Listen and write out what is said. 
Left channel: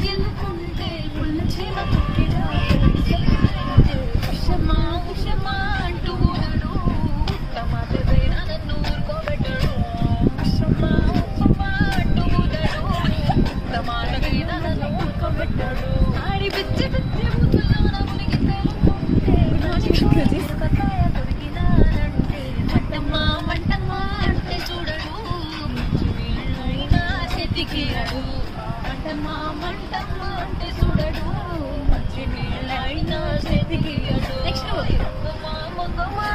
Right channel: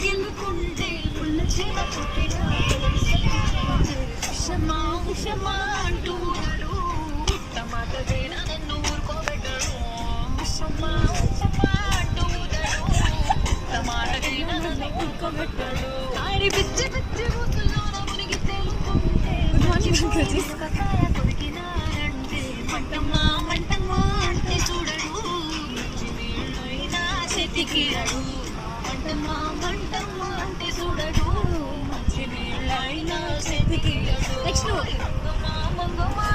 గెలుకుంటే పుల్ల చీమ ఉషమా ఉషమా అంటూ ఊరడు టమాట వేరా నన్ను ఊరుకోబెట్టడు ఉషమా ఉషమా అంటూ ఊరడు టమాట వేరా నన్ను ఊరుకోబెట్టడు ఆడి పిచ్చి పిచ్చి బుద్ధులోన మునిగి తేలుతుంటే కకాయ కొరికినానంటే మంటమ్మా మంటమ్మా అంటే చూడడు మంచి నీళ్ళైనా చెతికిరడు మంటమ్మా మంటమ్మా అంటే చూడడు మంచి నీళ్ళైనా చెతికిరడు నెక్స్ట్ మంగమా మంగమా